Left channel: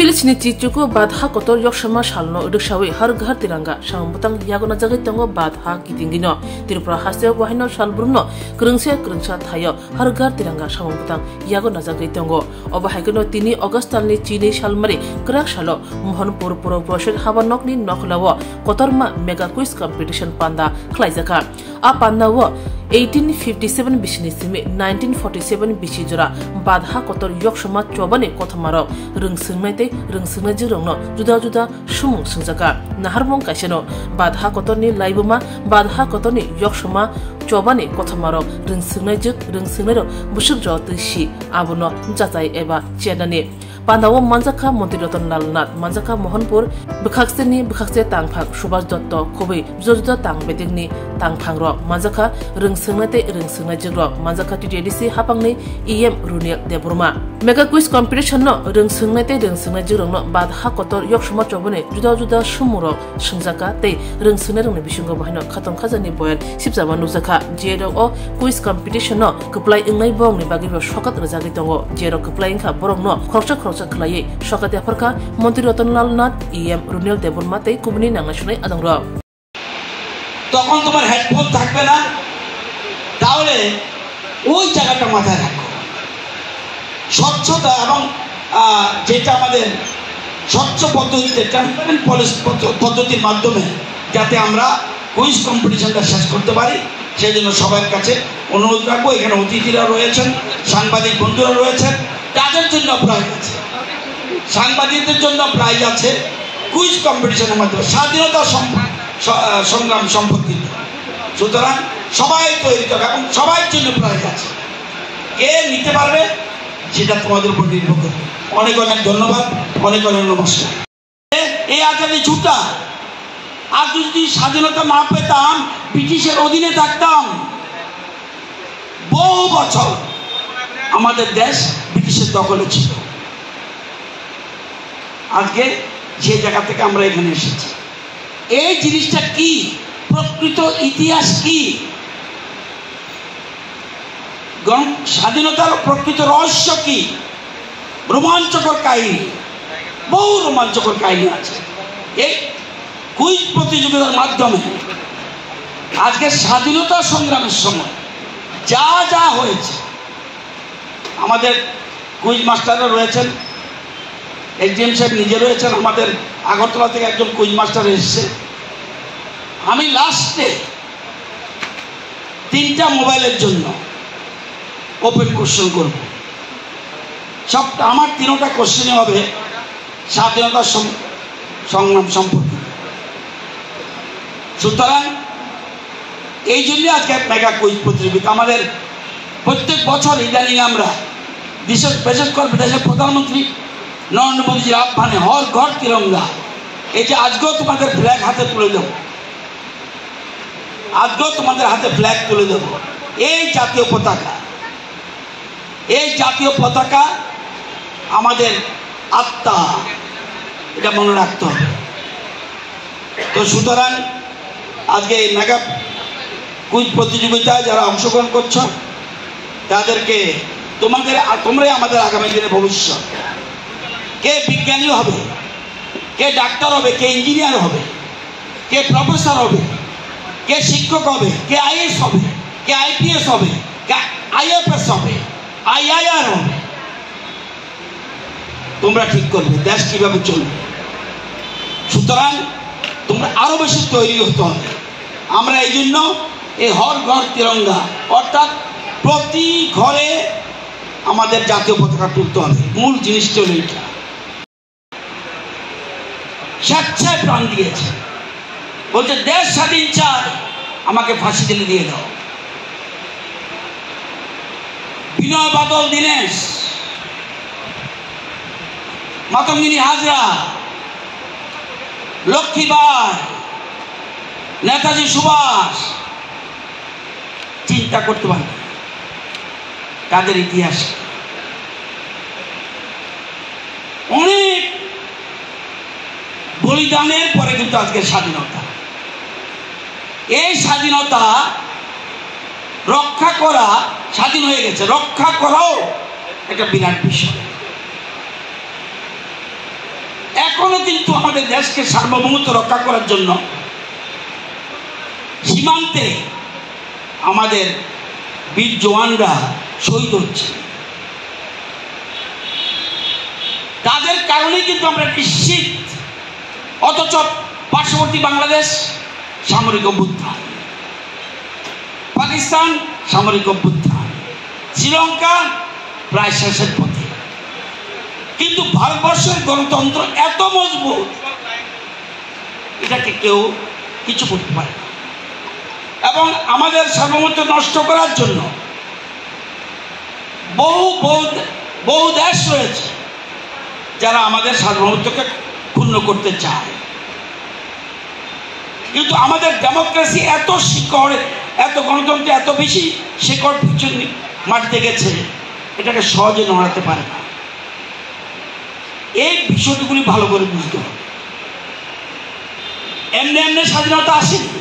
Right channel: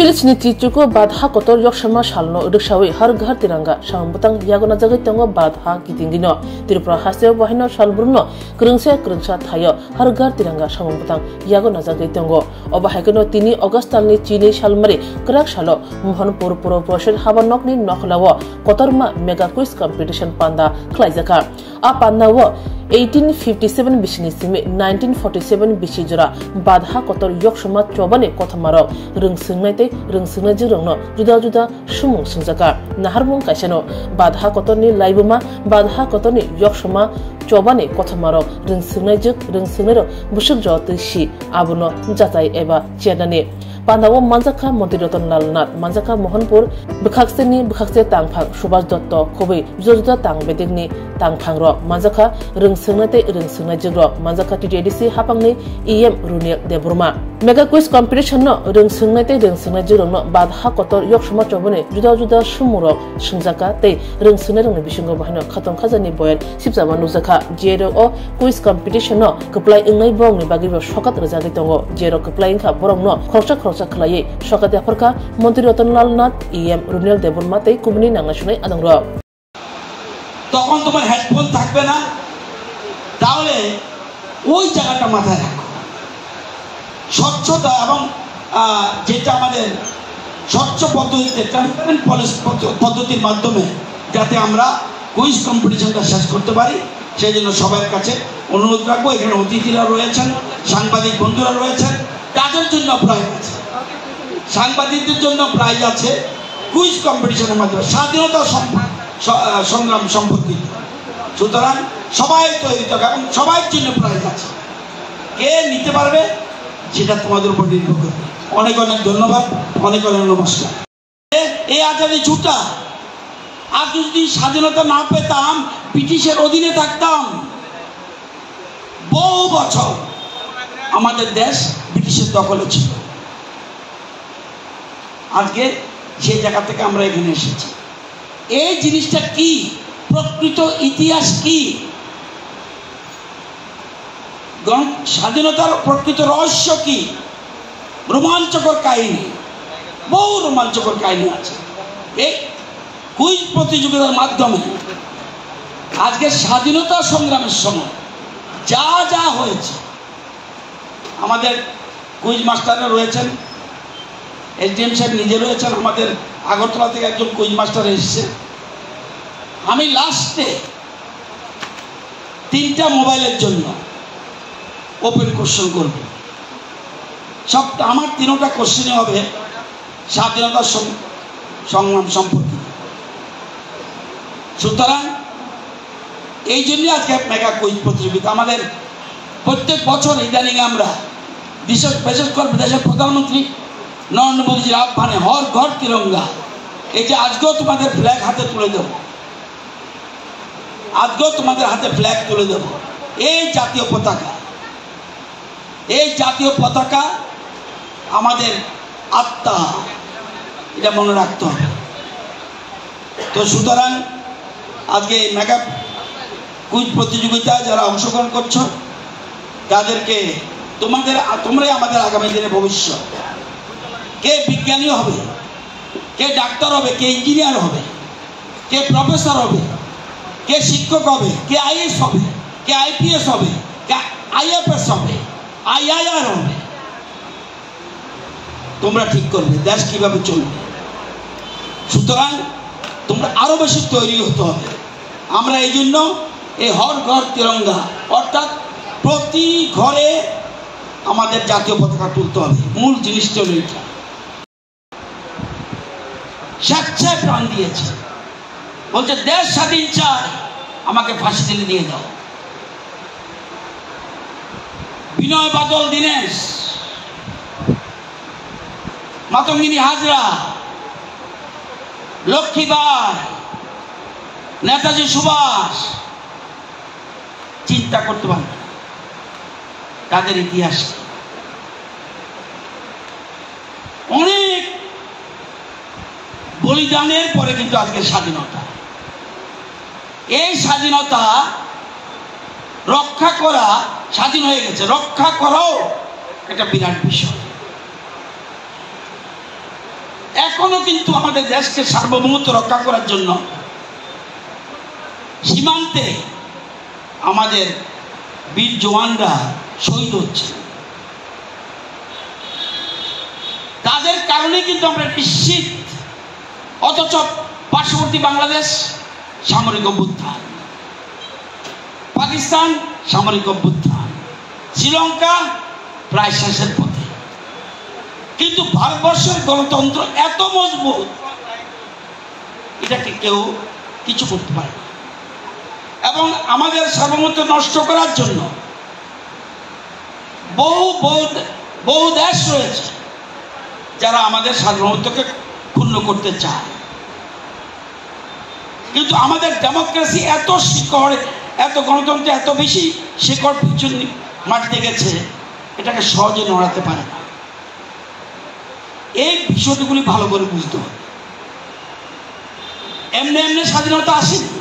Filipsni Chichuko Badha Kotor Yokshama Shalno Udushawi Harghar Tiranga Shambutang Yagona Jagatango Badha Kitingino Tirpra Hase Wahino Shalbruno Krungsha Thayo Harghar Tiranga Shambutang Yagona Jagatango Obahagono Tini Augustalni Chini Shalmari Krak Shalo Mohonpur Puro Portion Habanokni Noklawo Kotorma Mega Quiz Competition Panda Klaizaka A Panda wo 1857 Bishinisimi 1947 Bishijura Badha Kotor Yokshama Chobani Kotamaro Rungsungnaite Rungsungnajirono Juda Shumung Sungzaka Naharmong Kasheno Badha Kotorni Laibuma Badha Kotorni Yokshama Chobani Kotamaro Rungsungnajuk Rungsungnero Bushuk Jotishi Abuno Jatai Eba Chenani Pandawo Manjaka Montiroton Lalnat Manjaka Mohonpur Bukhakseni Bukhakse Tangphang Subhas Dotto Kobe Juda Tang Bedegni Tangphangro Manjaka Rungsungnate Rungsungnajigro Manjaka TDC Hapangni EM Runil Deburma Mega Quiz Competition no Rungsungnate Rungsungnajigro no Badha Kotor Yokshama Chobone Juda Shumuro Shungjaka Te Rungsungnarong Bishungo Bahino Khaton Khazani Boyan Sipsaba Nuzaka Jero o Quiz Competition no Kaplai Ingnai Bong ni Bagi Shokat Razagi Tongo Jero Kaplai Inka Borong no Khrocha Khlaye Shokat Yaparka Montiroton Lalnat EM Runil Deburma Te Kubni Nangashunai Adangro তখন তোমার headphone থাকবে না তাহলে ওই জায়গাটা মাথায় রাখো স্বচ্ছতা এবং যেটা আমাদের স্বচ্ছ পদ্ধতিতে ট্রান্সপারেন্ট পদ্ধতির মাধ্যমে যাতে আমরা কুইজ কম্পিটিশনটা শেষ করতে পারি সেই জন্য সবার কাছে অনুরোধ রাখবো এখানে অতিথিরা রয়েছেন সাংবাদিক বন্ধুরা রয়েছেন তাদের জন্য প্রাইজ আছে সাংবাদিকদের জন্য প্রাইজ আছে কুইজ কম্পিটিশনের মাধ্যমে স্বাধীনতা সংগ্রাম সম্পর্কিত সুতরাং সবাই তৈরি থাকবে এবং সবার জন্য প্রাইজ আছে কে নিতে পারবে সেটা তোমাদের উপর নির্ভর করবে অনেক ধন্যবাদ অনেক নমস্কার এই আজাদি ছুটা আর যদি স্বাধীনতা না পেতাম ব্রিটিশের অধীনে থাকতাম বহু বছর আমাদের দেশ ব্রিটিশের দখলে ছিল আজকে যে জায়গা থেকে আমরা এখানে এসেছি এই জিনিসটা কি প্রকৃত ইতিহাস কি স্বাধীনতার প্রকৃত রহস্য কি রোমাঞ্চকর কাহিনী বহু রোমাঞ্চকর কাহিনী আছে এই কুইজ প্রতিযোগিতার মাধ্যমে আজকে স্বাধীনতা সংগ্রামের সময় যা হয়েছে আমাদের কুইজ মাস্টাররা রয়েছেন এসডিএম সাহেব নিজে রয়েছেন আমাদের আগরতলা থেকে একজন কুইজ মাস্টার এসেছে আমি লাস্টে 3টা মোবাইলের জন্য ওপেন কোশ্চেন করব সবটা আমার 3টা কোশ্চেনে হবে স্বাধীনতা সংগ্রাম সম্পর্কে সুতরাং এই জন্য আজকে মেগা কুইজ প্রতিযোগিতা আমাদের প্রত্যেক বছর ইদানিং আমরা বিশেষ করে দেশের প্রধানমন্ত্রী নরেন্দ্র মোদীজির আহ্বানে হর ঘর তিরঙ্গা এই যে আজকেও তোমাদের ফ্ল্যাগ হাতে তুলে দেবো আজকেও তোমাদের হাতে ফ্ল্যাগ তুলে দেবো এই জাতীয় পতাকা আমাদের আত্মা এটা মনে রাখতে হবে তো সুতরাং আজকে এই মেগা কুইজ প্রতিযোগিতায় যারা অংশগ্রহণ করছো তাদেরকে তোমরাই আমাদের আগামী দিনে ভবিষ্যৎ কে বিজ্ঞানী হবে কে ডাক্তার হবে কে ইঞ্জিনিয়ার হবে কে প্রফেসর হবে কে শিক্ষক হবে কে আইএস হবে কে আইপিএস হবে কে আইএফএস হবে আইআইআর হবে তোমরা ঠিক করবে দেশ কিভাবে চলবে সুতরাং তোমরা আরো বেশি তৈরি হতে হবে আমরা এই জন্য এই হর ঘর তিরঙ্গা অর্থাৎ প্রতি ঘরে আমাদের জাতীয় পতাকা তুলতে হবে মূল জিনিসটা হলো এইটা স্বেচ্ছায় প্রাণ দিয়েছে বলছে দেশ স্বাধীন চাই আমাকে ফাঁসি দিলে দিয়ে দাও বিনয় বাদল দীনেশ মাতঙ্গিনী হাজরা লক্ষ্মীবাই নেতাজি সুভাষ চিন্তা করতে পারে তাদের ইতিহাস অনেক বলিদানের পরে কিন্তু আজকে স্বাধীনতা এই স্বাধীনতা রক্ষা করা স্বাধীন হয়ে গেছে রক্ষা করাও এটা বিরাট বিষয় এখনো কিন্তু আমাদের দেশকে সার্বভৌমত্ব রক্ষা করার জন্য সীমান্তে আমাদের বীর জওয়ানরা শহীদ হচ্ছে। তাদের কারণে কিন্তু আমরা নিশ্চিত। অথচ পার্শ্ববর্তী বাংলাদেশ সামরিক অভ্যুত্থান, পাকিস্তান সামরিক অভ্যুত্থান, শ্রীলঙ্কা প্রায় শেষের পথে। কিন্তু ভারতবর্ষের গণতন্ত্র এত মজবুত, এটাকে কেউ কিছু করতে পারে না। এবং আমাদের সার্বভৌমত্ব নষ্ট করার জন্য বহু দেশ রয়েছে যারা আমাদের সার্বভৌমত্বকে ক্ষুণ্ণ করতে চায়। কিন্তু আমাদের ডেমোক্রেসি এত শিকড়, এত গণতন্ত্র এত বেশি শিকড় পিছনে মাটিতে গেছে, এটাকে সহজে নড়াতে পারে না। এই বিষয়গুলি ভালো করে বুঝতে হবে। এমনি এমনি স্বাধীনতা আসেনি।